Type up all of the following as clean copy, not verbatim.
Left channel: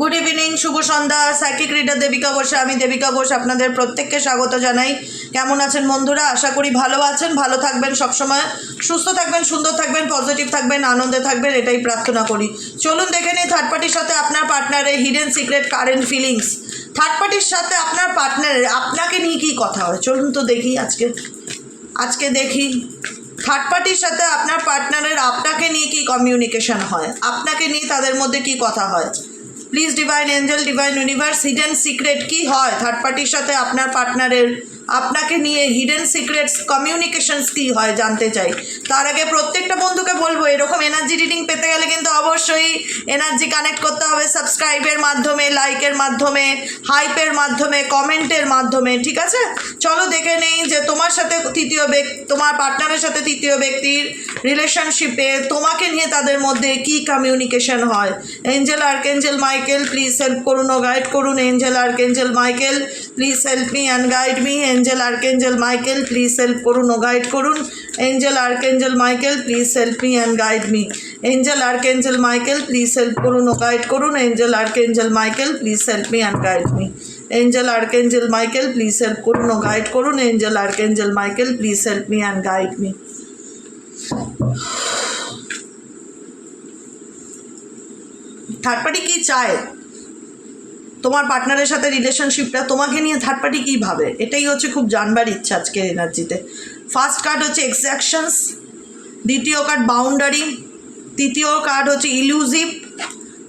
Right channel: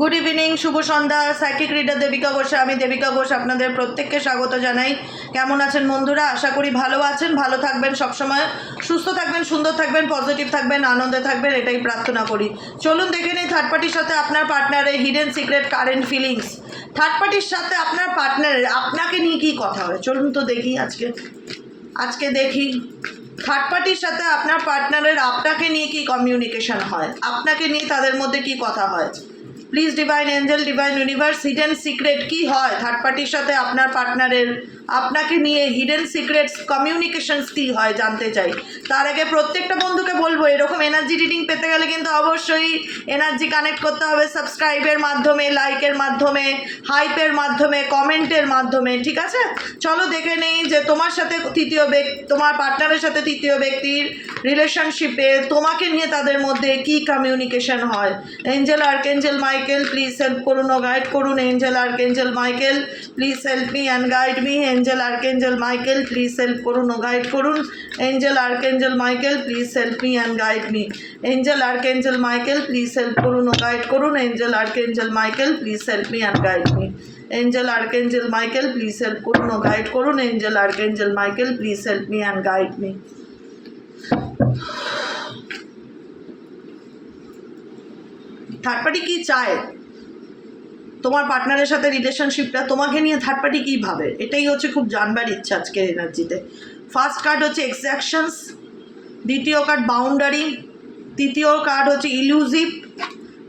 Good evening, শুভ সন্ধ্যা। Psychic reader Devika ঘোষে, আমি দেবিকা ঘোষ আপনাদের প্রত্যেককে স্বাগত জানাই। কেমন আছেন বন্ধুরা? আশা করি ভালো আছেন, ভালো থাকবেন, সবসময় সুস্থ থাকবেন, সুন্দর থাকবেন, পজিটিভ থাকবেন, আনন্দে থাকবেন, এটাই প্রার্থনা করি। চলুন দেখে নিই থার্ড পার্টির সাথে আপনার পার্টনারের hidden secret current feelings. Third পার্টির সাথে আপনার পার্টনারের আপনাকে নিয়ে কী কথা হয়, চলুন তো দেখি। আজকে দেখি থার্ড পার্টির সাথে আপনার পার্টনারের আপনাকে নিয়ে কি কমিউনিকেশন হয়, আপনাকে নিয়ে তাদের মধ্যে কি কথা হয়। Please divine angel, divine universe, hidden secret কি হয় থার্ড পার্টির সাথে আপনার পার্টনারের আপনাকে নিয়ে, হিডেন সিক্রেটস কমিউনিকেশনস কী হয় জানতে চাই। তার আগে প্রত্যেকটা বন্ধুকে বলবো, এরকম এনার্জি রিডিং পেতে গেলে কিন্তু অবশ্যই এনার্জি কানেক্ট করতে হবে সাবস্ক্রাইবের মাধ্যমে, লাইকের মাধ্যমে, হাইপের মাধ্যমে, কমেন্টের মাধ্যমে, ঠিক আছে? চলো দেখে নেই যে তোমার সাথে তোমার পার্টনারের সাথে তৃতীয় ব্যক্তির রিলেশনশিপে তোমাকে নিয়ে তাদের মধ্যে কি কমিউনিকেশন হয়। Angel archangel Michael please help করুন ও গাইড করুন। Angel archangel Michael please help me and guide me. Angel archangel Michael please help করুন ও গাইড করুন। Angel archangel Michael please help me and guide me. Angel archangel Michael please help করুন ও guide করুন। Angel archangel Michael please help me and guide me. Angel archangel Michael please help করুন ও guide করুন। Angel archangel Michael please help me and guide me. Third party কী চায় তোমার পার্টনারের সাথে রিলেশনশিপটা তোমাকে নিয়ে, থার্ড পার্টি কী ভাবে, এটাই হচ্ছে খুব জানবার ইচ্ছা আজকের এনার্জিতে। ফার্স্ট কার্ড হচ্ছে এক্সাকশনস, দ্বিতীয় কার্ড বাউন্ডারি, তৃতীয় কার্ড হচ্ছে ইলুজিভ,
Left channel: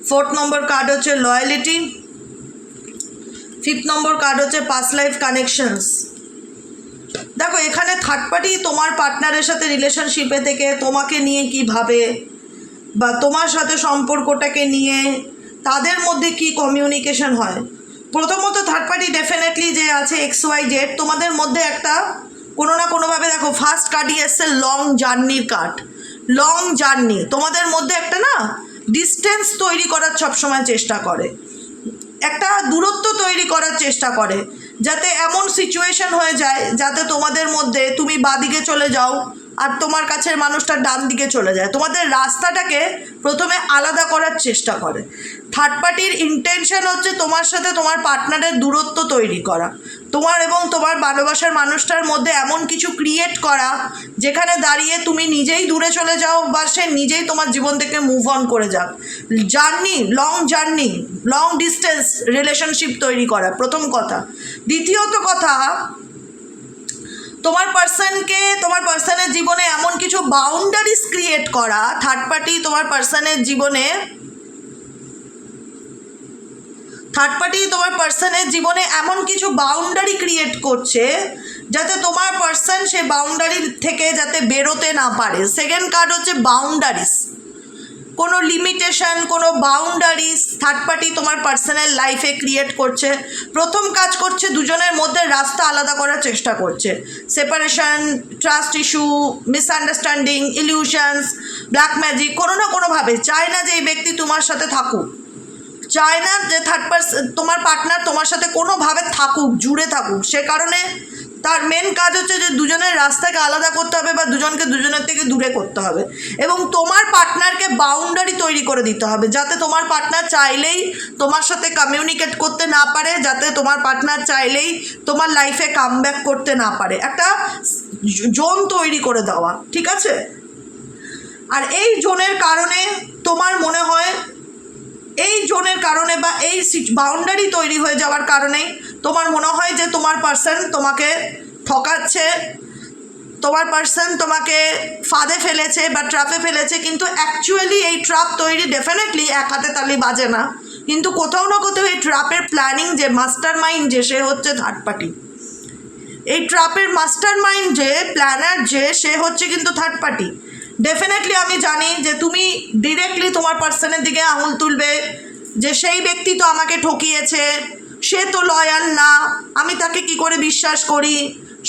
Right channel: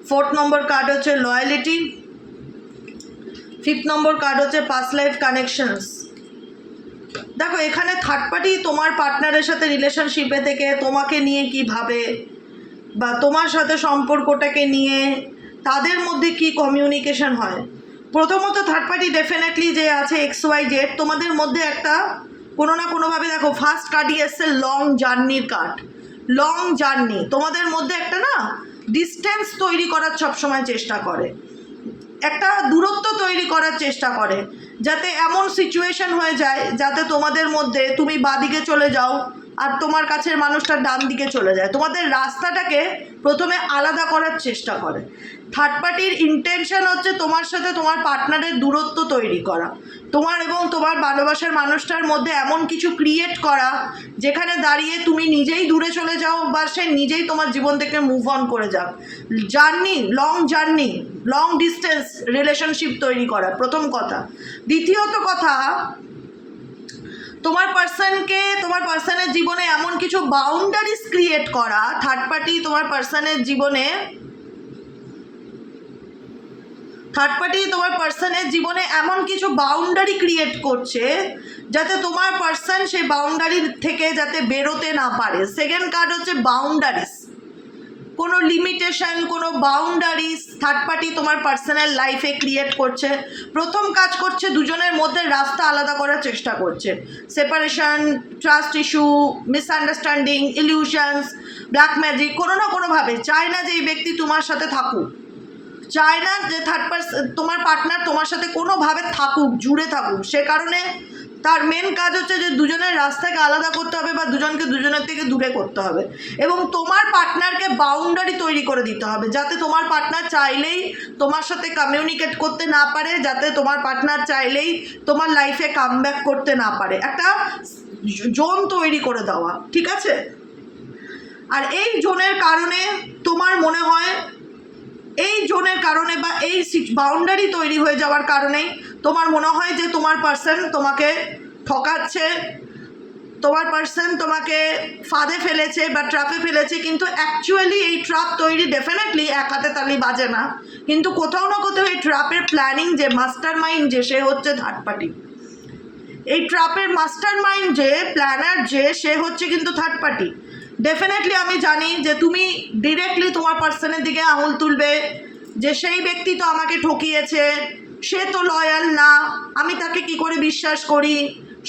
ফোর্থ নম্বর কার্ড হচ্ছে লয়ালিটি, ফিফথ নম্বর কার্ড হচ্ছে পাস্ট লাইফ কানেকশনস। দেখো এখানে থার্ড পার্টি তোমার পার্টনারের সাথে রিলেশনশিপে থেকে তোমাকে নিয়ে কী ভাবে, বা তোমার সাথে সম্পর্কটাকে নিয়ে তাদের মধ্যে কি কমিউনিকেশন হয়। প্রথমত থার্ড পার্টি ডেফিনেটলি যে আছে XYZ, তোমাদের মধ্যে একটা কোনো না কোনোভাবে, দেখো ফার্স্ট কার্ডই এসছে লং জার্নির কার্ড। লং জার্নি তোমাদের মধ্যে একটা না ডিস্টেন্স তৈরি করার সবসময় চেষ্টা করে, একটা দূরত্ব তৈরি করার চেষ্টা করে, যাতে এমন সিচুয়েশন হয়ে যায় যাতে তোমাদের মধ্যে তুমি বাদিকে চলে যাও আর তোমার কাছের মানুষটা ডান দিকে চলে যায়, তোমাদের রাস্তাটাকে প্রথমে আলাদা করার চেষ্টা করে। থার্ড পার্টির ইন্টেনশন হচ্ছে তোমার সাথে তোমার পার্টনারের দূরত্ব তৈরি করা, তোমার এবং তোমার ভালোবাসার মানুষটার মধ্যে এমন কিছু ক্রিয়েট করা যেখানে দাঁড়িয়ে তুমি নিজেই দূরে চলে যাও বা সে নিজেই তোমার জীবন থেকে মুভ অন করে যাক। জার্নি, লং ডিস্টেন্স রিলেশনশিপ তৈরি করা প্রথম কথা। দ্বিতীয়ত কথা, তোমার পার্সনের জীবনে এমন কিছু বাউন্ডারিজ ক্রিয়েট করা। থার্ড পার্টি তোমার পার্সনের জীবনে এমন কিছু বাউন্ডারি ক্রিয়েট করছে যাতে তোমার পার্সন সেই বাউন্ডারি থেকে যাতে বেরোতে না পারে। সেকেন্ড কার্ড হচ্ছে বাউন্ডারিজ, কোনো লিমিটেশন, কোনো বাউন্ডারিজ থার্ড পার্টি তোমার পার্সোনাল লাইফে ক্রিয়েট করছে। প্রথম কাজ করছে দুজনের মধ্যে রাস্তা আলাদা করার চেষ্টা করছে। Separation, trust issue, misunderstanding, illusions, black magic, কোনো না কোনোভাবে চায় না যে এই ব্যক্তি তোমার সাথে থাকুক, চায় না যে তোমার পার্টনার তোমার সাথে কোনোভাবে থাকুক, জুড়ে থাকুক। সে কারণে তার মেন কাজ হচ্ছে যে দুজনের রাস্তাকে আলাদা করতে হবে বা দুজনকে দুজনের থেকে দূরে করতে হবে, এবং তোমার পার্টনারকে বাউন্ডারি তৈরি করে দিতে হবে যাতে তোমার পার্টনার চাইলেই তোমার সাথে কমিউনিকেট করতে না পারে, যাতে তোমার পার্টনার চাইলেই তোমার লাইফে কামব্যাক করতে না পারে। একটা জোন তৈরি করে দেওয়া, ঠিক আছে? আর এই জোনের কারণে তোমার মনে হয়, এই জোনের কারণে বা এই বাউন্ডারি তৈরি হয়ে যাওয়ার কারণেই তোমার মনে হয় যে তোমার পার্সন তোমাকে ঠকাচ্ছে, তোমার পার্সন তোমাকে ফাঁদে ফেলেছে বা ট্র্যাপে ফেলেছে। কিন্তু অ্যাকচুয়ালি এই ট্র্যাপ তৈরি ডেফিনেটলি এক হাতে তালি বাজে না, কিন্তু কোথাও না কোথাও এই ট্র্যাপের প্ল্যানিং যে মাস্টার মাইন্ড যে সে হচ্ছে থার্ড পার্টি। এই ট্র্যাপের মাস্টার মাইন্ড যে প্ল্যানার যে সে হচ্ছে কিন্তু থার্ড পার্টি। ডেফিনেটলি আমি জানি যে তুমি ডিরেক্টলি তোমার পার্সনের দিকে আঙুল তুলবে যে সেই ব্যক্তি তো আমাকে ঠকিয়েছে, সে তো লয়াল না, আমি তাকে কি করে বিশ্বাস করি,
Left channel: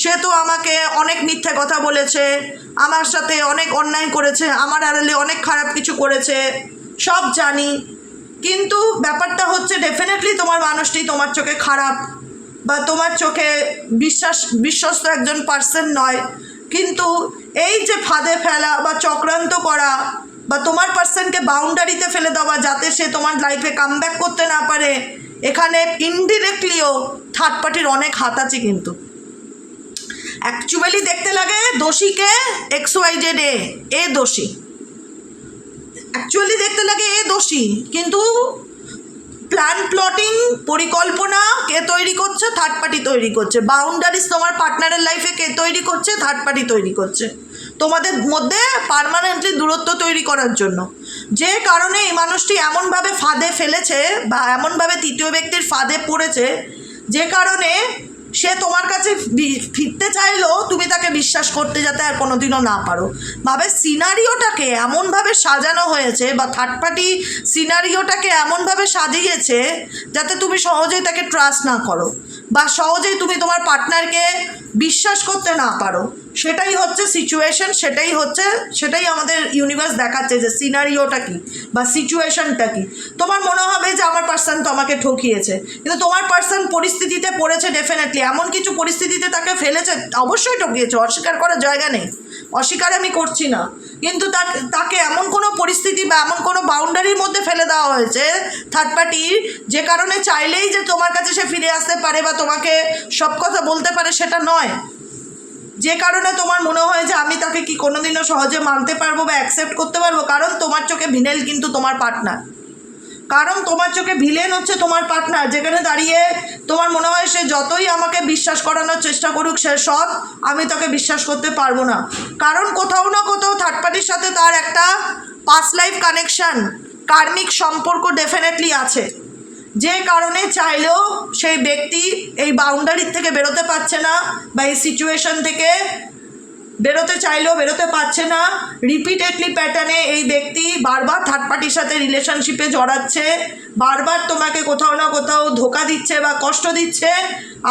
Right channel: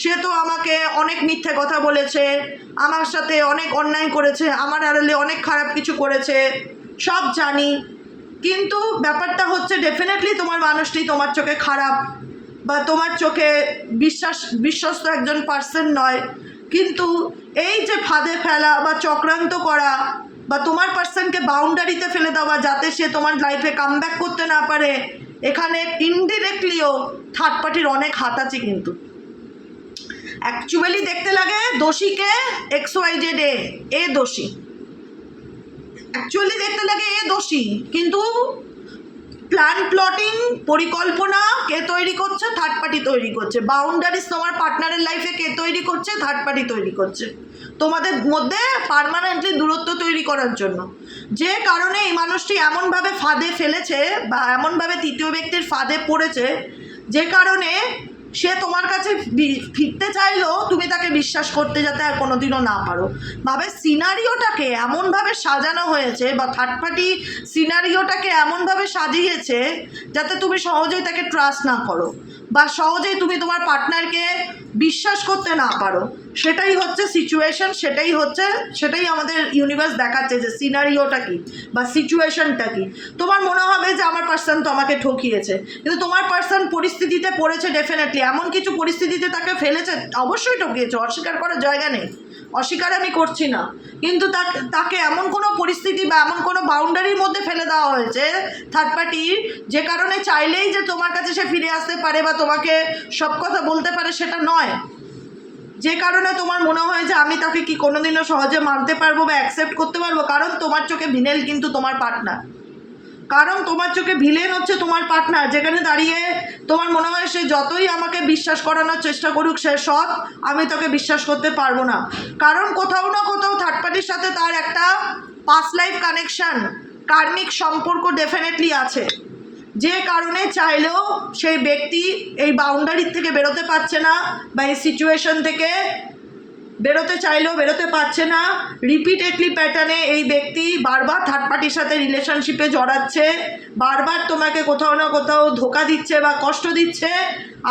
সে তো আমাকে অনেক মিথ্যে কথা বলেছে, আমার সাথে অনেক অন্যায় করেছে, আমার আড়ালে অনেক খারাপ কিছু করেছে, সব জানি। কিন্তু ব্যাপারটা হচ্ছে ডেফিনেটলি তোমার মানুষটি তোমার চোখে খারাপ বা তোমার চোখে বিশ্বস্ত একজন পার্সন নয়। কিন্তু এই যে ফাঁদে ফেলা বা চক্রান্ত করা বা তোমার পার্সনকে বাউন্ডারিতে ফেলে দেওয়া যাতে সে তোমার লাইফে কামব্যাক করতে না পারে। এখানে ইনডিরেক্টলিও থার্ড পার্টির অনেক হাত আছে। কিন্তু অ্যাকচুয়ালি দেখতে লাগে দোষীকে XYZ এ দোষী, অ্যাকচুয়ালি দেখতে লাগে এ দোষী, কিন্তু প্ল্যান প্লটিং পরিকল্পনা কে তৈরি করছে? থার্ড পার্টি তৈরি করছে। বাউন্ডারিজ তোমার পার্টনারের লাইফে কে তৈরি করছে? থার্ড পার্টি তৈরি করছে, তোমাদের মধ্যে পার্মানেন্টলি দূরত্ব তৈরি করার জন্য। যে কারণে এই মানুষটি এমনভাবে ফাঁদে ফেলেছে বা এমনভাবে তৃতীয় ব্যক্তির ফাঁদে পড়েছে, যে কারণে সে তোমার কাছে ফিরতে চাইলেও তুমি তাকে বিশ্বাস করতে যাতে আর কোনোদিনও না পারো। ভাবে সিনারিওটাকে এমনভাবে সাজানো হয়েছে বা থার্ড পার্টি সিনারিওটাকে এমনভাবে সাজিয়েছে যাতে তুমি সহজেই তাকে ট্রাস্ট না করো বা সহজেই তুমি তোমার পার্টনারকে বিশ্বাস করতে না পারো। সেটাই হচ্ছে সিচুয়েশন, সেটাই আমাদের ইউনিভার্স দেখাচ্ছে যে সিনারিওটা কি বা সিচুয়েশনটা কি। তোমার মনে হবে যে আমার পার্সন তো আমাকে ঠকিয়েছে, কিন্তু তোমার পার্সন পরিস্থিতিতে পড়েছে, ডেফিনেটলি এমন কিছু পরিস্থিতিতে তাকে ফেলেছে, অবশ্যই ঠকিয়েছে, অস্বীকার করার জায়গা নেই, অস্বীকার আমি করছি না, কিন্তু তাকে এমন কোনো পরিস্থিতি বা এমন কোনো বাউন্ডারির মধ্যে ফেলে দেওয়া হয়েছে থার্ড পার্টির, যে কারণে চাইলেই যে তোমার কাছে সে ফিরে আসতে পারে বা তোমাকে সব কথা বলতে পারে সেটা নয়। যে কারণে তোমার মনে হয় যে আমি তাকে কি কোনোদিনও সহজে মানতে পারবো বা অ্যাকসেপ্ট করতে পারবো, কারণ তোমার চোখে ভিলেন কিন্তু তোমার পার্টনার, কারণ তোমার চোখে ভিলেন হচ্ছে তোমার পার্টনার। যেখানে দাঁড়িয়ে তোমার মনে হয় সে যতই আমাকে বিশ্বাস করানোর চেষ্টা করুক সে সব, আমি তাকে বিশ্বাস করতে পারবো না, কারণ কোথাও না কোথাও থার্ড পার্টির সাথে তার একটা পাস্ট লাইফ কানেকশন, কার্মিক সম্পর্ক ডেফিনেটলি আছে। যে কারণে চাইলেও সেই ব্যক্তি এই বাউন্ডারির থেকে বেরোতে পারছে না বা এই সিচুয়েশন থেকে বেরোতে চাইলেও বেরোতে পারছে না। রিপিটেডলি প্যাটার্নে এই ব্যক্তি বারবার থার্ড পার্টির সাথে রিলেশনশিপে জড়াচ্ছে, বারবার তোমাকে কোথাও না কোথাও ধোকা দিচ্ছে বা কষ্ট দিচ্ছে,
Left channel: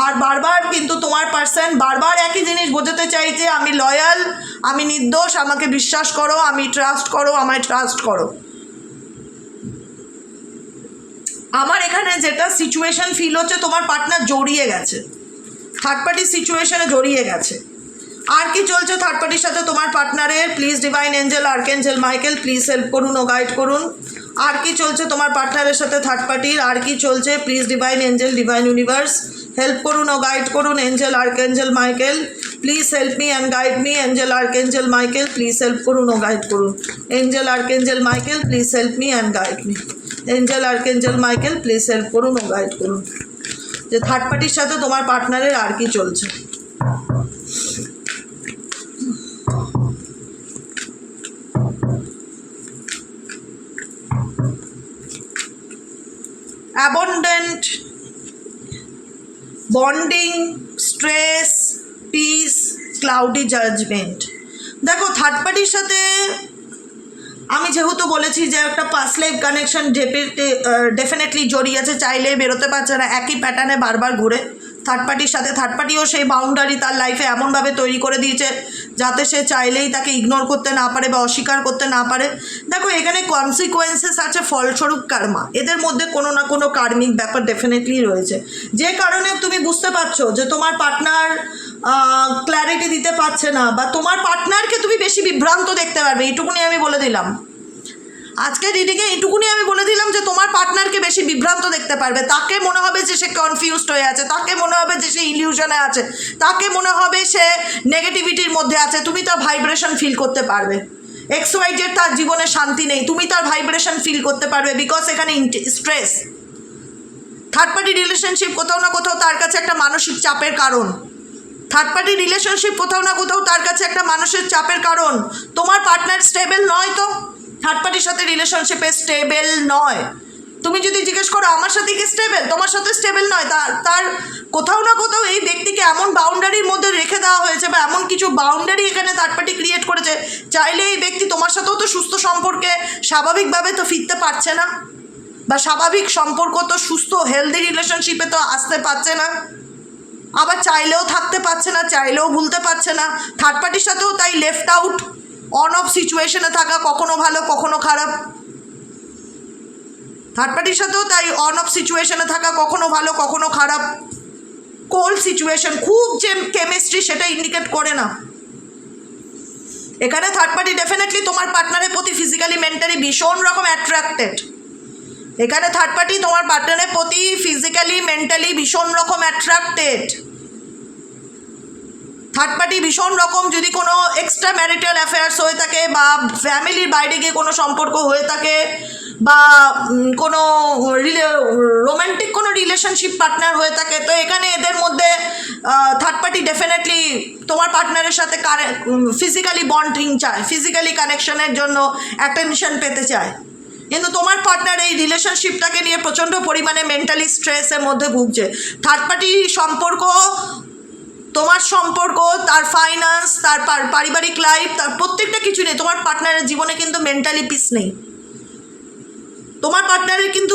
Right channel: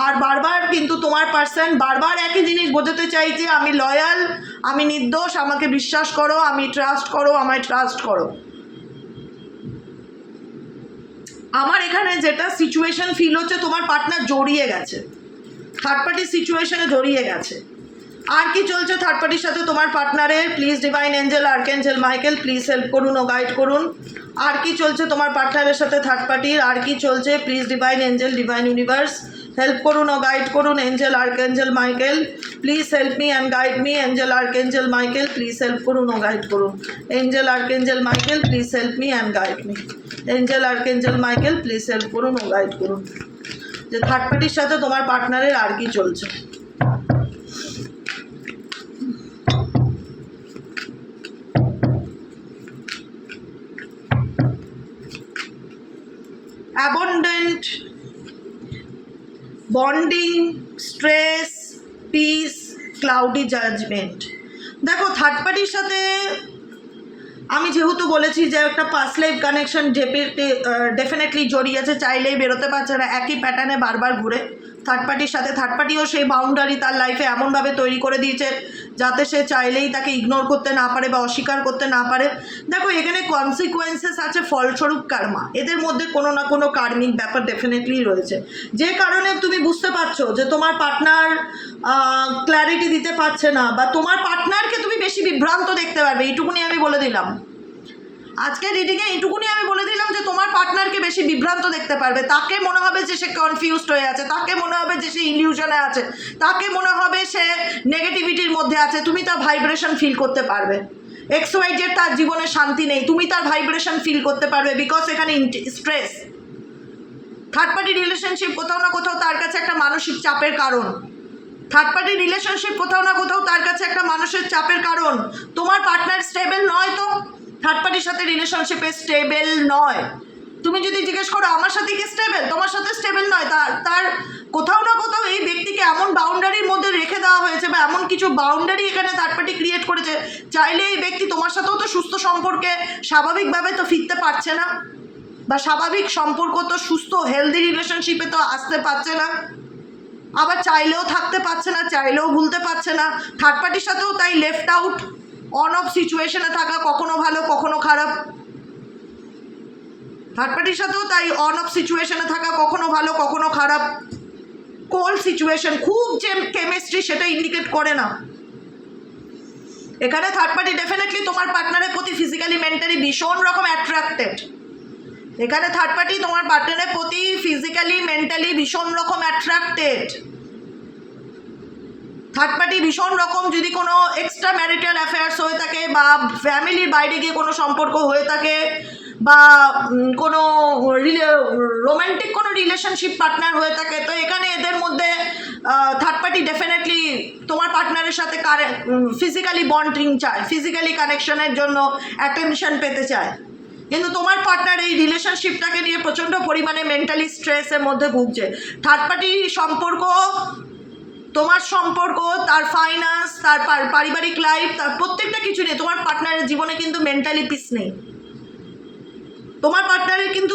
আর বারবার কিন্তু তোমার পার্সন বারবার একই জিনিস বোঝাতে চাইছে, আমি লয়াল, আমি নির্দোষ, আমাকে বিশ্বাস করো, আমি ট্রাস্ট করো, আমায় ট্রাস্ট করো। আমার এখানে যেটা সিচুয়েশন ফিল হচ্ছে, তোমার পার্টনার জড়িয়ে গেছে, থার্ড পার্টির সিচুয়েশনে জড়িয়ে গেছে। আর কি চলছে থার্ড পার্টির সাথে তোমার পার্টনারের? Please divine angel, archangel Michael please help করুন ও গাইড করুন। আর কি চলছে তোমার পার্টনারের সাথে থার্ড পার্টির? আর কি চলছে? Please divine angel, divine universe help করুন ও গাইড করুন। Angel, archangel Michael please help me and guide me. Angel, archangel Michael please help করুন ও গাইড করুন। Angel, archangel Michael please help me and guide me. Angel, archangel Michael please help করুন ও guide করুন। যে third পার্টির সাথে তোমার পার্টনারের আর কি চলছে? Abundant, bonding, stress, peace, cloudy judgment. দেখো থার্ড পার্টির সাথে আমি যেহেতু বলেছি যে একটা পাস্ট লাইফ কানেকশন ডেফিনেটলি জড়িয়ে আছে, চাইলেই বেরোতে পারছে না, একই প্যাটার্নে বারবার ঘুরে থার্ড পার্টির সাথে। থার্ড পার্টিও সেই বাউন্ডারি তার লাইফে এমনভাবে তৈরি করে দিয়েছে যাতে সে চাইলেই তাকে ইগনোর করতে না পারে বা অস্বীকার করতে না পারে। দেখো এখানে কনসিকোয়েন্সেস আছে, ফলস্বরূপ কার্মা, এদের মধ্যে কোনো না কোনো কার্মিক ব্যাপার ডেফিনেটলি রয়েছে। যে কারণে তুমি বুঝতে পারছো যে তোমার পার্টনার ক্ল্যারিটি দিতে পারছে না বা তোমার পার্টনারকে তুমি বেশি বিভ্রান্ত দেখতে পারবে। এইটুকুনি আমি বলে দিলাম আজকে রিডিংয়ে, এইটুকুনি আমি বলে দিলাম যে তোমার পার্টনারকে বেশি বিভ্রান্ত দেখতে পারবে। তাকে মনে হবে যে সে কনফিউজড হয়ে আছে, তাকে মনে হবে যে সে ইলিউশনে আছে, তাকে মনে হবে সে নেগেটিভিটির মধ্যে আছে। তুমি তার ভাইব্রেশন ফিল করতে পারবে। XYZ তার জীবনে শান্তি নেই, তুমি তার ভাইব্রেশন ফিল করতে পারবে, বিকজ এখানে স্ট্রেস। থার্ড পার্টি রিলেশনশিপ কোথাও না কোথাও তার কাছে একটা মানসিক চাপের কারণ। থার্ড পার্টি রিলেশনশিপ কোথাও না কোথাও তার কাছে একটা মানসিক চাপের কারণ। তোমার পার্টনার স্টেবল নয়, তো থার্ড পার্টির সাথে রিলেশনশিপে স্টেবল নয়। তুমি যদি জিজ্ঞেস করো আমার সাথে কি স্টেবল, তোমার সাথে স্টেবল নয়। তার কোথাও না কোথাও এই ব্যক্তিকে এমন বাউন্ডারির মধ্যে রেখে দেওয়া হয়েছে বা এমন কিছু বাউন্ডারি এখানে থার্ড পার্টি ক্রিয়েট করেছে, চাইলে এই ব্যক্তি তোমার সাথেও তো সুস্থ সম্পর্কে স্বাভাবিকভাবে তো ফিরতে পারছে না, বা স্বাভাবিক সম্পর্ক তো সুস্থ হেলদি রিলেশনশিপে তো আসতে পারছে না, আবার চাইলেও থাকতে পারছে না, চাইলেও ভুলতে পারছে না। থার্ড পার্টির সাথেও তাই লেফট আউট, অন অফ সিচুয়েশনে থাকা, কখনো ভালো কখনো খারাপ। থার্ড পার্টির সাথেও তাই অন অফ সিচুয়েশনে থাকা, কখনো ভালো কখনো খারাপ। কোল্ড সিচুয়েশন, খুব যে কেমিস্ট্রি সেটা ইন্ডিকেট করে না। এখানে থার্ড পার্টি ডেফিনেটলি তোমার পার্টনারের প্রতি ফিজিক্যালি মেন্টালি ভীষণ রকম অ্যাট্রাক্টেড। এখানে থার্ড পার্টি তোমার পার্টনারের প্রতি ফিজিক্যালি মেন্টালি ভীষণ রকম অ্যাট্রাক্টেড। থার্ড পার্টি ভীষণ রকম যদি কোনো এক্সট্রা ম্যারিটাল অ্যাফেয়ার্স হয়ে থাকে বা ফ্যামিলির বাইরে গিয়ে কোনো সম্পর্ক হয়ে থাকে বা কোনো রোম্যান্টিক কোনো রিলেশনশিপ পার্টনার হয়ে থাকে, তো এখানে এদের মধ্যে থার্ড পার্টি ডেফিনেটলি তোমার পার্টনারের সাথে ফিজিক্যালি বন্ডিং চায়, ফিজিক্যালি কানেকশনের জন্য অ্যাটেনশন পেতে চায়। কিন্তু তোমার পার্টনার এই রিলেশনশিপটাকে নিয়ে প্রচণ্ড পরিমাণে মেন্টালি স্ট্রেসের মধ্যে ভুগছে। থার্ড পার্টি সম্পর্ক, তোমার সম্পর্ক, তার ফাইন্যান্স, তার পারিবারিক লাইফ, তার প্রত্যেকটা কিছু নেই তোমার পার্টনারের জীবনে কিন্তু মেন্টালি পিস নেই। তোমার পার্টনারের কিন্তু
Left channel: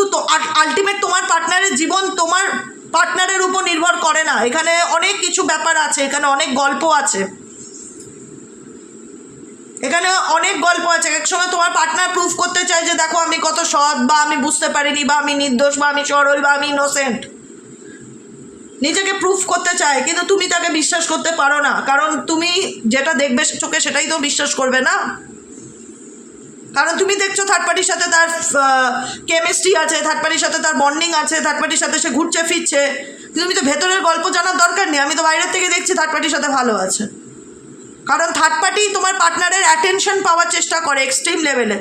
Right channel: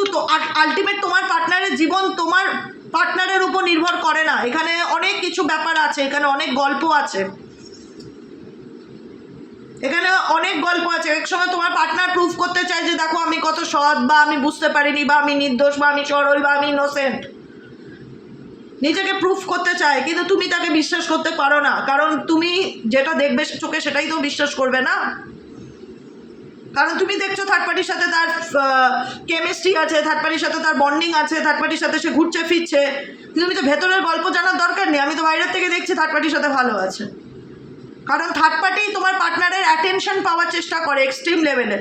আলটিমেট তোমার পার্টনারের জীবন তোমার পার্টনারের উপর নির্ভর করে না। এখানে অনেক কিছু ব্যাপার আছে, এখানে অনেক গল্প আছে, এখানে অনেক গল্প আছে। এক সময় তোমার পার্টনার প্রুফ করতে চায় যে দেখো আমি কত সৎ, বা আমি বুঝতে পারিনি, বা আমি নির্দোষ, বা আমি সরল, বা আমি ইনোসেন্ট। নিজেকে প্রুফ করতে চায়, কিন্তু তুমি তাকে বিশ্বাস করতে পারো না, কারণ তুমি যেটা দেখবে চোখে সেটাই তো বিশ্বাস করবে না। কারণ তুমি দেখছো থার্ড পার্টির সাথে তার কেমিস্ট্রি আছে, থার্ড পার্টির সাথে তার বন্ডিং আছে, থার্ড পার্টির সাথে সে ঘুরছে ফিরছে, তুমি তো ভেতরের গল্প জানার দরকার নেই। আমি তো বাইরের থেকে দেখছি থার্ড পার্টির সাথে ভালো আছে, কারণ থার্ড পার্টি তোমার পার্টনারের অ্যাটেনশন পাওয়ার চেষ্টা করে এক্সট্রিম লেভেলে।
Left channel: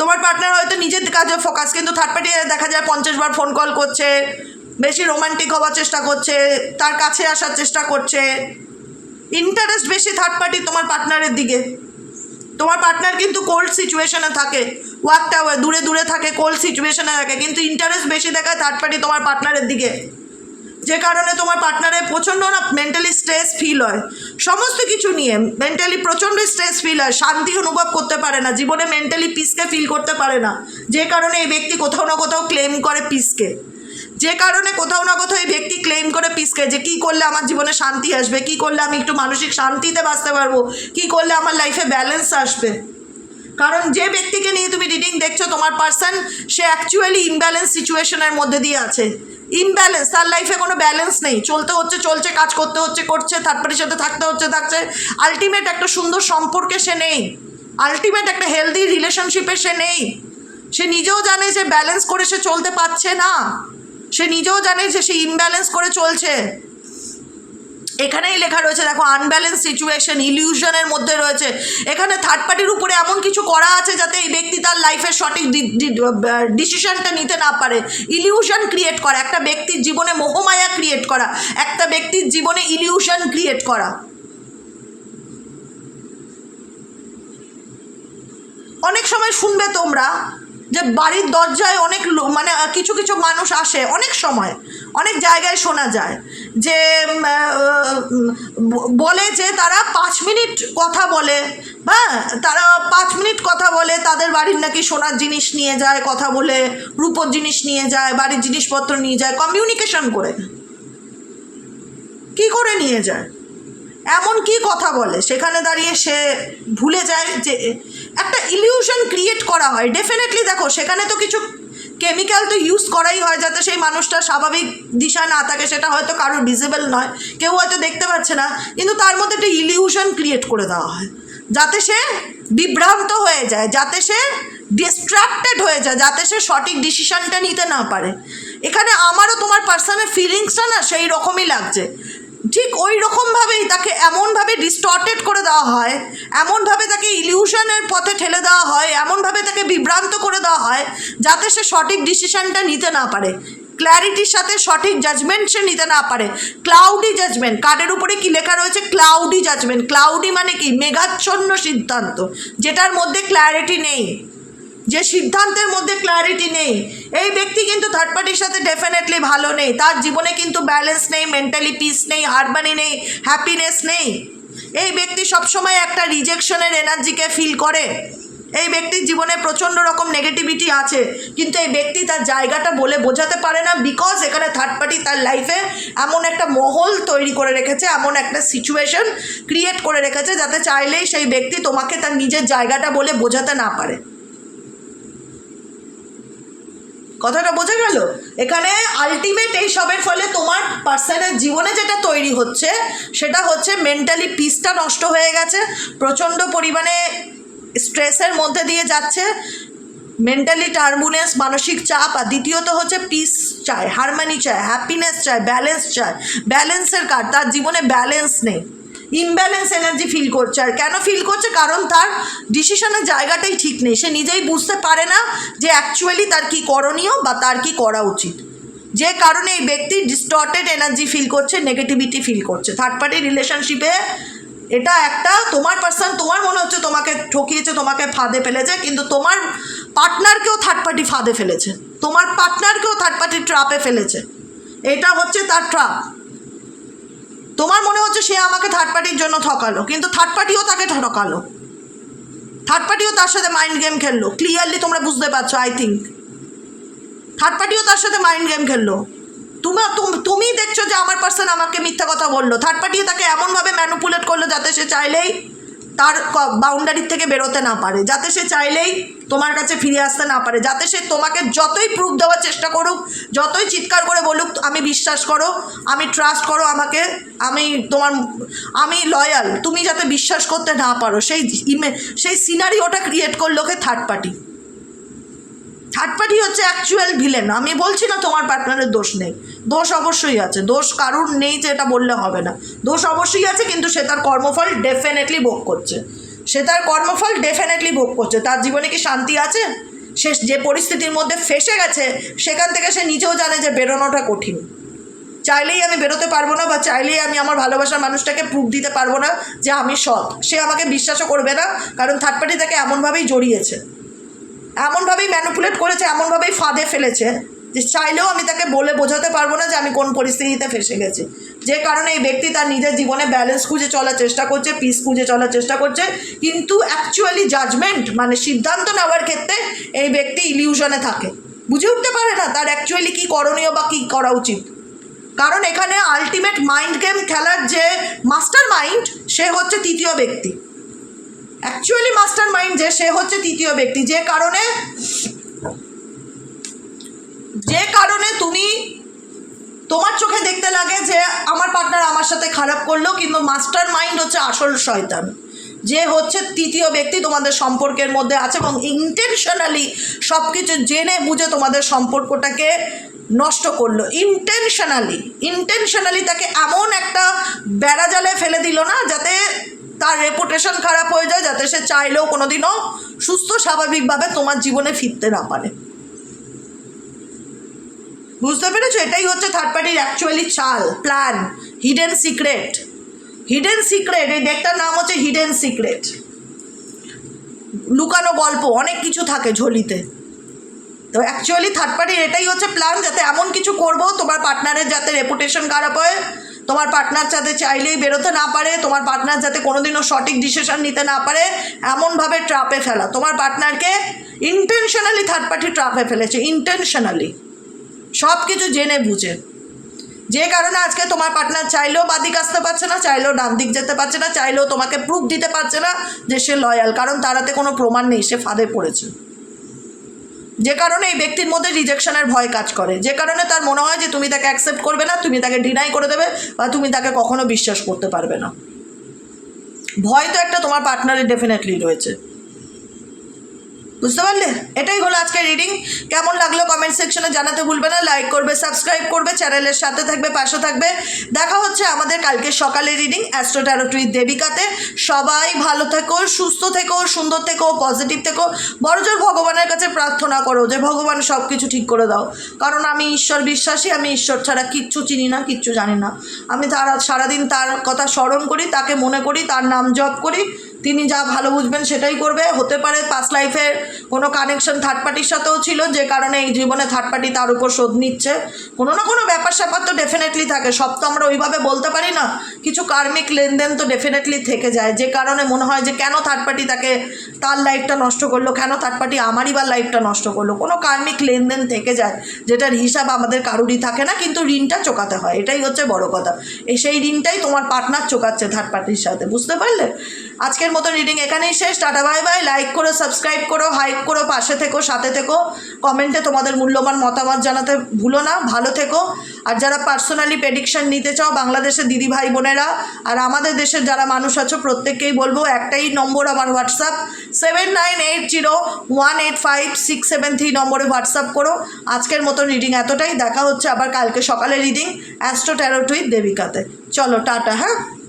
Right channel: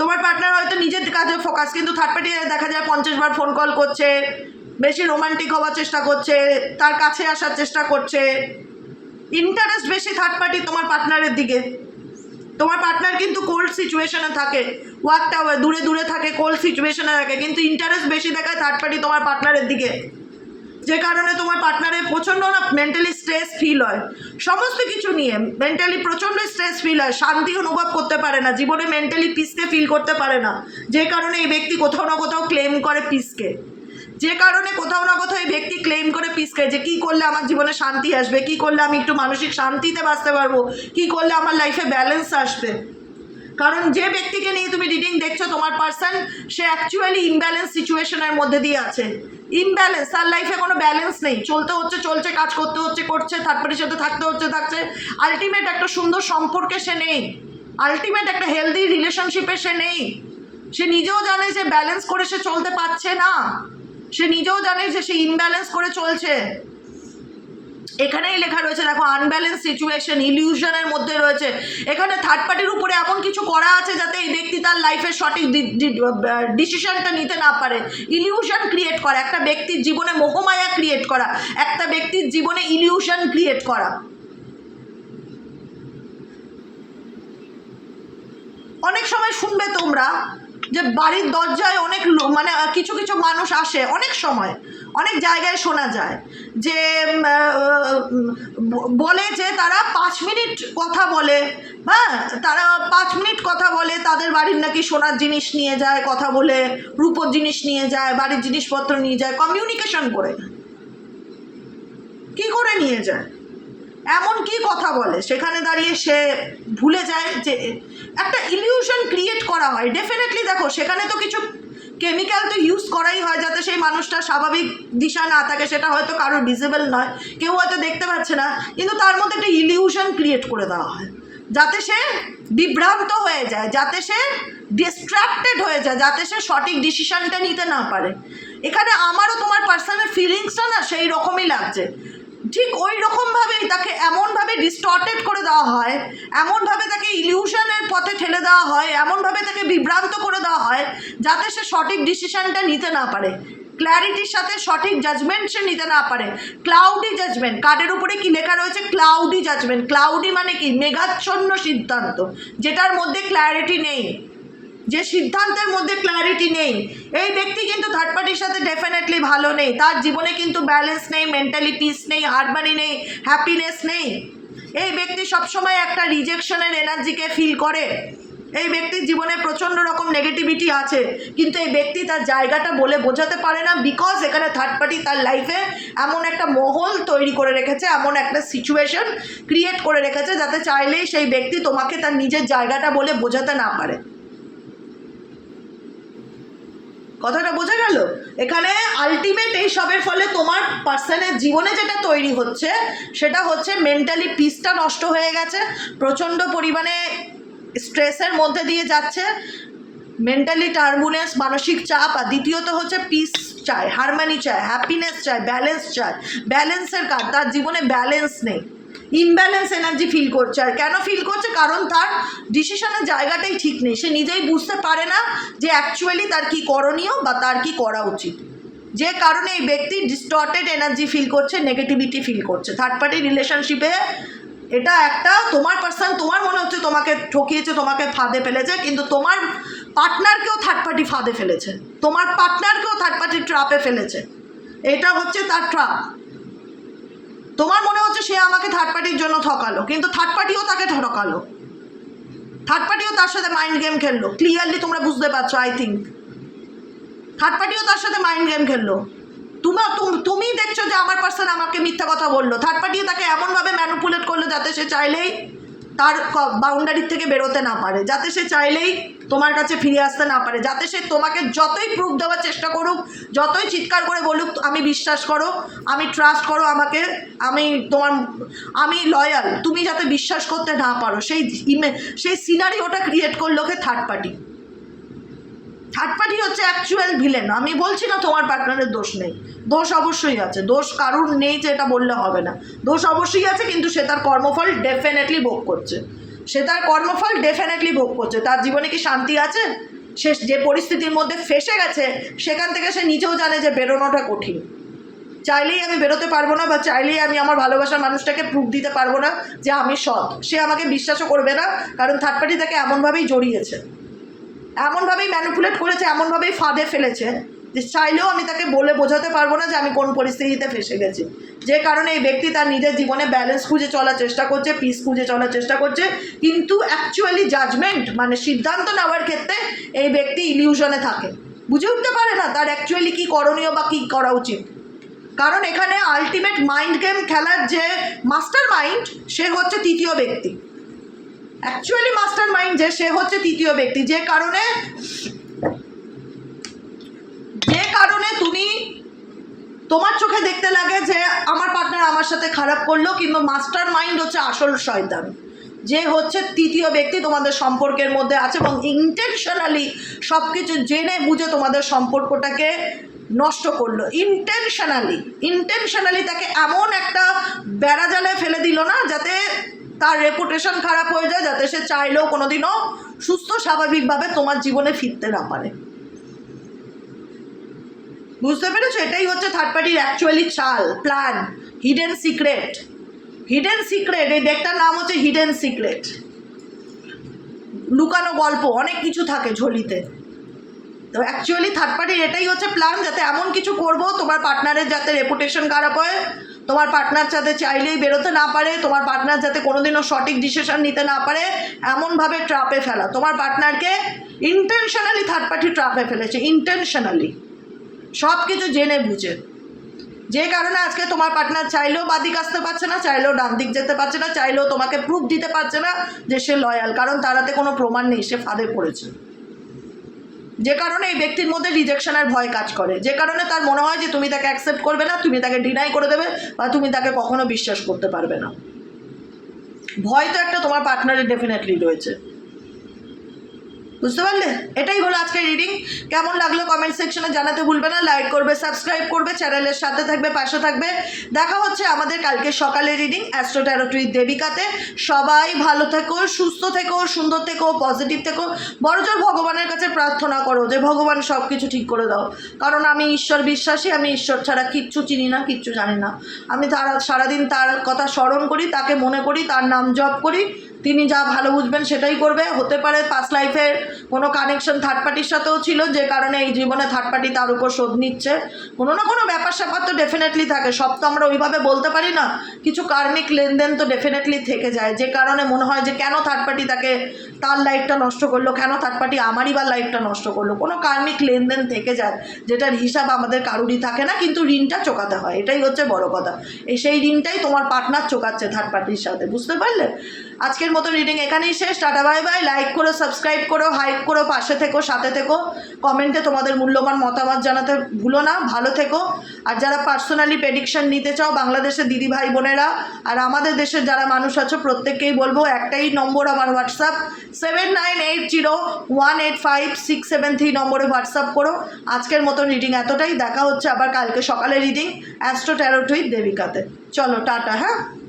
তোমার পার্টনার হয়তো নিজের কাজে ফোকাস, কিন্তু থার্ড পার্টি দেখা যায় 50 বার ফোন কল করছে, বেশি রোমান্টিক হওয়ার চেষ্টা করছে, তার কাছে আসার চেষ্টা করছে, ইন্টারেস্ট বেশি থার্ড পার্টি তোমার পার্টনারের দিকে। তোমার পার্টনার কিন্তু কোল্ড সিচুয়েশনে থাকে, ওয়াক টাওয়ার দূরে দূরে থাকে, কোল্ড সিচুয়েশনে থাকে, কিন্তু ইন্টারেস্ট বেশি দেখায় থার্ড পার্টি তোমার পার্টনারের দিকে, যে কারণে তোমার পার্টনারের প্রচণ্ড না মেন্টালি স্ট্রেস ফিল হয়। সমস্ত কিছু নিয়ে মেন্টালি প্রচণ্ড স্ট্রেস ফিল হয়, শান্তি অনুভব করতে পারে না, জীবনে মেন্টালি পিসকে ফিল করতে পারে না, যে কারণে এই ব্যক্তি কোথাও না কোথাও ক্লেম করে পিসকে। যে কারণে কোথাও না কোথাও এই ব্যক্তি ক্লেম করে পিসকে, যে কী করলে আমার জীবনে শান্তি আসবে, কী করলে আমি একটু মানসিক শান্তিতে বাঁচতে পারবো, কী করলে আমার লাইফে ব্যালেন্স আসবে। কারণ যে ব্যক্তিকে নিয়ে তুমি রিডিং দেখছো তোমার পার্সন, সে অ্যাকচুয়ালি ইমব্যালেন্স সিচুয়েশনের মধ্যে দিয়ে আছে। ইমব্যালেন্স, তার লাইফে কোনো ব্যালেন্স নেই, চলতে হচ্ছে চলছে, কাজ করতে হচ্ছে করছে, থার্ড পার্টির সাথে থাকতে হচ্ছে থাকছে, আলটিমেট একটা সুন্দর সম্পর্কে সে নেই, আলটিমেট একটা হেলদি রিলেশনশিপে সে নেই। সে নিজেও জানে যে ব্যালেন্স করে সে চলতে পারছে না, সে নিজেও জানে যে সে ইমব্যালেন্স করে চলছে। এখানেই লেখা রয়েছে দেখো, আনব্যালেন্স সিচুয়েশন, ইলিউশনের মধ্যে রয়েছে। এখানে থার্ড পার্টির উপরে এমন কিছু করা আছে যাতে এই ব্যক্তি তার লাইফের সঠিক ডিসিশনটা নিতে না পারে। ইলিউশন ক্রিয়েট করা, একটা ব্যক্তির জীবনে মোহমায়া ক্রিয়েট করা, একটা ব্যক্তির জীবনে ইলিউশন ক্রিয়েট করা। অনেক সময় শুনবে তোমরা যে বাড়ির দরজায় অনেক মানে কিছু কিছু মানুষ আসে, অনেক সময় অনেক জায়গায় শোনা যায় যে বলে যে তারা 5 মিনিট কথা বলে, হ্যাঁ তারা 5 মিনিট কথা বলে, তাদের বাড়ির নাকি সোনার জিনিস নিয়ে যায়, কথা বলে রূপোর জিনিস নিয়ে যায়, বাড়ির জিনিসপত্র নিয়ে যায়, কমিউনিকেশন করে। কি করে নিয়ে যায়, এমন কি কথা বলে, সেখানে দাঁড়িয়ে সে ভুলে যায় যে একটা ইলিউশন ক্রিয়েট করা হয়। ডেফিনেটলি দেখো সেখানে তো কিছু কেমিক্যাল তো ইউজ করাই হয় যাতে সেই মানুষটা স্বাভাবিক দিশা না থাকে, সেটা হয়তো কারোর ভিজিবল নয়, কেউ হয়তো দেখতে পাচ্ছে না, কিন্তু তার মধ্যে একটা ইলিউশন ক্রিয়েট করে দেওয়া হয় যাতে সে বিভ্রান্ত হয়ে যায়, যাতে সে ডিস্ট্র্যাক্টেড হয়ে যায়, যাতে সে সঠিক ডিসিশনটা নিতে না পারে। এখানে আমারও তোমার পার্সোনাল ফিলিংসটা না সেই রকমই লাগছে, ঠিক ওই রকমভাবেই তাকে এমনভাবে ডিস্টর্টেড করে দেওয়া হয়, এমনভাবে তাকে ইলিউশনের পথে ঠেলে দেওয়া হয়, এমনভাবে তাকে বিভ্রান্ত করে দেওয়া হয় যাতে সে সঠিক ডিসিশনটা নিতে না পারে, ক্ল্যারিটির সাথে সঠিক জাজমেন্ট সে নিতে না পারে। ক্লাউডি জাজমেন্ট, কার্ডের উপরে কি লেখা রয়েছে? Cloudy judgement. ক্লাউডি মানে কি? মেঘাচ্ছন্ন সিদ্ধান্ত, যেটার মধ্যে ক্ল্যারিটি নেই, যে সিদ্ধান্তের মধ্যে ক্ল্যারিটি নেই। এই ব্যক্তি কিন্তু থার্ড পার্টির সাথে ডেফিনেটলি ভালো নেই, তার জীবনে কিন্তু ব্যালেন্স নেই, মেন্টালি পিস নেই, হারমোনি নেই, হ্যাপিনেস নেই। এই ব্যক্তি সবসময় একটা রিজেকশনের এনার্জিকে ফিল করে। এই ব্যক্তির জীবনে প্রচণ্ড রকম নেগেটিভিটি আছে, কিন্তু এই ব্যক্তি তার জায়গাটা বলে বোঝাতে পারে না, বিকজ এখানে থার্ড পার্টি তার লাইফে এমন একটা মহল তৈরি করে রেখেছে, এমন একটা সিচুয়েশন ক্রিয়েট করে রেখেছে যাতে চাইলেই সেই ব্যক্তি তোমাকে তার নিজের জায়গাটা বলে বোঝাতে না পারে। কথাটা বোঝা গেল? এখানে আলটিমেট এই সবের ফলে তোমার পার্সনের জীবনে যেটা তৈরি হচ্ছে সেটা হচ্ছে মেন্টালি পিসটা নষ্ট হয়ে গেছে, প্রচণ্ড পরিমাণে স্ট্রেসের মধ্যে দিয়ে যাচ্ছে, মেন্টালি টার্বুলেন্স, মানসিক চাপ। আর দ্বিতীয়ত হচ্ছে পিস চায়, হারমোনি চায়, হ্যাপিনেস চায়, ব্যালেন্স চায়। ব্যালেন্সের কার, তার জীবনে ব্যালেন্স নেই, ইমব্যালেন্স এনার্জি ফিল করছে। আর কেন ফিল করছে? কারণ তার ডিসিশনের জায়গাটাই ঠিক নেই, সে নিজেই বুঝতে পারে না যে অ্যাকচুয়ালি তার কি করণীয় বা তার কি করা উচিত, যে কারণে এই ব্যক্তি ডিস্টর্টেড এনার্জি ফিল করছে, নেগেটিভিটি ফিল করছে। থার্ড পার্টি রিলেশনশিপে এটা একটা, তোমার পার্সন, তোমার মনে হচ্ছে তোমাকে ঠকিয়েছে, তোমাকে ফাঁদে ফেলেছে, কিন্তু তোমার পার্টনারকেও থার্ড পার্টি ফাঁদে ফেলেছে, তোমার পার্টনারকেও থার্ড পার্টি ট্রাপে ফেলেছে। এটা হচ্ছে তার ট্রাপ। তোমার মনে হচ্ছে সে আমাকে থার্ড পার্টির জন্য ঠকালো, কিন্তু থার্ড পার্টিও তাকে ঠকালো, থার্ড পার্টিও তার সাথে মাইন্ড গেম খেললো। ক্লিয়ারলি তোমরা বুঝতে পারছো আই থিঙ্ক, থার্ড পার্টিও তার সাথে মাইন্ড গেম খেললো। তুমি দেখছো যে আমার পার্সন আমাকে মিথ্যা কথা বললো, থার্ড পার্টিও তাকে এমনভাবে ম্যানিপুলেট করলো যাতে সে চাইলেই তার বাউন্ডারির থেকে বেরোতে না পারে, যাতে সে চাইলেই তোমার কাছে ফিরে আসতে না পারে, যাতে সে তোমাকে যতই প্রুফ দেওয়ার চেষ্টা করুক, যতই চিৎকার করে বলুক আমি বিশ্বাস করো, আমি ট্রাস্ট করো আমাকে, আমি লয়াল, তুমি যাতে বিশ্বাস করতে না পারো, সেই সিনারিওটা ক্রিয়েট করলো কে থার্ড পার্টি। থার্ড পার্টি হচ্ছে অ্যাকচুয়াল ভিলেন। আমি বলছি না তোমার পার্টনারের দোষ নেই, দোষ অবশ্যই আছে, দোষ কারুর নেই যে এটা বললে হবে না, দোষ অবশ্যই আছে, কিন্তু সে তার কর্মফল ডেফিনেটলি ভোগ করছে, সে তার কর্মফল ডেফিনেটলি ভোগ করছে। তার জীবনে কি শান্তি আছে? সে যে পরিস্থিতির মধ্যে ফেসে গেছে সেখান থেকে সে নিজেও জানে যে বেরোনোটা কঠিন, চাইলেই আমি বেরোতে পারবো না, বা চাইলেই আমি আমার ভালোবাসার মানুষটাকে প্রুফ দিতে পারবো না যে আমি সৎ, সে আমাকে বিশ্বাসও করবে না, কারণ থার্ড পার্টি তাকে এমনভাবেই জড়িয়েছে, এমনভাবেই ম্যানিপুলেট করেছে, এমনভাবেই ফাঁদে ফেলেছে যে চাইলেও আমি তাকে বলে বোঝাতে পারবো না যে আমি কোন পরিস্থিতিতে ফেসে গেছি। যে কারণে এই ব্যক্তি তার নিজের জীবনে ব্যালেন্স খুঁজে চলার চেষ্টা করছে, পিস খুঁজে চলার চেষ্টা করছে, কিন্তু অ্যাকচুয়ালি জাজমেন্ট মানে সিদ্ধান্ত নেওয়ার ক্ষেত্রে এই ব্যক্তি ইলিউশনে থাকে, বুঝে উঠতে পারে না তার অ্যাকচুয়ালি কী করণীয় বা কী করা উচিত। কারণ এখানে আলটিমেট মাইন্ড গেম খেলার যে মাস্টার মাইন্ড সে হচ্ছে তৃতীয় ব্যক্তি, অ্যাকচুয়ালি মাস্টার মাইন্ড যে সে হচ্ছে তৃতীয় ব্যক্তি। যে কারণে তুমি তোমার চোখে দেখতে লাগে যে আমার পার্টনার আমার সাথে খারাপ করলো, কিন্তু মাস্টার মাইন্ড হচ্ছে আসল শয়তান, যে হচ্ছে তৃতীয় ব্যক্তি তোমাদের সম্পর্কের মধ্যে আছে এবং ইন্টেনশনালি সব কিছু জেনে বুঝে তোমাদের সম্পর্কটাকে নষ্ট করলো। ইন্টেনশনালি তাকে এমন একটা বেড়াজালে ফেলে দিল না যাতে তার রেপুটেশন খারাপ হয়ে যায়, যাতে সে চাইলেও কোনোদিনও সুস্থ স্বাভাবিকভাবে তোমার জীবনে ফিরতে না পারে। বুঝতে পেরেছো? এটাই হচ্ছে থার্ড পার্টির অ্যাকচুয়ালি চাল, প্ল্যান, হিডেন সিক্রেট। এই ডেকটার নাম হচ্ছে হিডেন সিক্রেট, লুকানো গল্প, অনেক কিছু থাকে ঝোলিতে। তো অ্যাকচুয়ালি থার্ড পার্টির এটাই হচ্ছে প্ল্যান, যাতে এমন কিছু করবো তোমার পার্টনারের যাতে রেপুটেশন খারাপ হয়, তোমার পার্টনার যাতে চাইলেই বেরোতে না পারে, তোমার পার্টনার যাতে কোনোদিনও সঠিক ডিসিশন নিতে না পারে, এমনভাবে ট্রাপে ফেলা। তোমার পার্টনারকে ইন্টেনশনালি থার্ড পার্টি ট্রাপে ফেলেছে, ইন্টেনশনালি সব কিছু জেনে বুঝে। যে কারণে আজকে তোমার পার্টনার চাইলেও বাদিক আসতে পারছে না, চাইলেও ডান দিক যেতে পারছে না, চাইলেও তোমাকে প্রুফ দিতে পারছে না যে সে লয়াল, কারণ তার হাতে কোনো প্রমাণ নেই, সে ফাঁদে পড়েছে। যে কারণে এই ব্যক্তির মধ্যে রিজেকশনের ভয় কাজ করে, যে কারণে তার মনে হয় যে তুমি তাকে অ্যাকসেপ্ট করবে না, তুমি তাকে ডিনাই করে দেবে, বা তুমি তাকে কখনো বিশ্বাস করতে পারবে না। ভয় তো একটা তোমার পার্টনারের ডেফিনেটলি রয়েছে, বুঝতে পারলে? এটাই হলো আজকের রিডিং। কেমন লাগলো কমেন্ট সেকশনে জানাতে ভুলবে না, লাইক করবে, সাবস্ক্রাইব করবে, চ্যানেলের সাথে থাকবে, পাশে থাকবে। দেখা হচ্ছে আমাদের কালকে সকালে রিডিং অ্যাস্ট্রো ট্যারোট উইথ দেবিকাতে। সবাই ভালো থেকো, সুস্থ থেকো, সুন্দর থেকো, পজিটিভ থেকো। বড়জোর ভগবানের কাছে প্রার্থনা করো যে ভগবান সব কিছু ঠিক করে দাও, কারণ আমি ঈশ্বর বিশ্বাসী, আমি ঈশ্বর ছাড়া কিচ্ছু চিনি না, কিচ্ছু জানি না। আমি সারাদিন তার কথা স্মরণ করি, তাকে মনে করি, তার নাম জপ করি, তিনি যা ভালো বুঝবেন সেটাই করবে। হতে পারে পাস্ট লাইফের কোনো কানেকশন থার্ড পার্টির সাথেও ছিল, যে কারণে এই জীবনে থার্ড পার্টি তার উপর শোধ নিচ্ছে। কোনো না কোনো ব্যাপার স্যাপার তো ডেফিনেটলি থাকে, সব তো আমরা ওইভাবে বলতে পারি না, কিছু কার্মিক লেনদেন তো ডেফিনেটলি থেকে যায়, যে কারণে মনে হয় যে কেন থার্ড পার্টি তাকে তার লাইফটা নষ্ট করলো, কেন থার্ড পার্টি আমারই বা লাইফটা নষ্ট করলো। কোনো কার্মিক লেনদেন থেকে যায়, যেটার হিসাব আমাদের কারুরই থাকে না, কিন্তু ঋণটা চোকাতে হয়, এটাই হচ্ছে বড় কথা। সেই ঋণটাই তোমার পার্টনার চোকাচ্ছে থার্ড পার্টির সাথে, বুঝতে পারলে? আজকের মতো রিডিং এখানেই শেষ। Tata bye bye. লাইক করো, সাবস্ক্রাইব করো, হাইপ করো, পাশে থেকো, সাথে থেকো, কমেন্টে তোমাদের মূল্যবান মতামত জানাতে ভুলো না। ভালো থেকো। আর যারা পার্সোনালি প্রেডিকশন নিতে চাও, বাংলাদেশের দিদি ভাই বোনেরা আর আমাদের দেশের যারা মানুষ আছো, প্রত্যেককেই বলবো একটাই নম্বর আমার হোয়াটসঅ্যাপ 7980185673 নম্বরে হোয়াটসঅ্যাপ করো। আজকের মতো রিডিং এতটাই। দেখা হচ্ছে আবার কালকে সকালে রিডিং অ্যাস্ট্রো ট্যারোট উইথ দেবিকাতে। চলো টাটা। হ্যাঁ।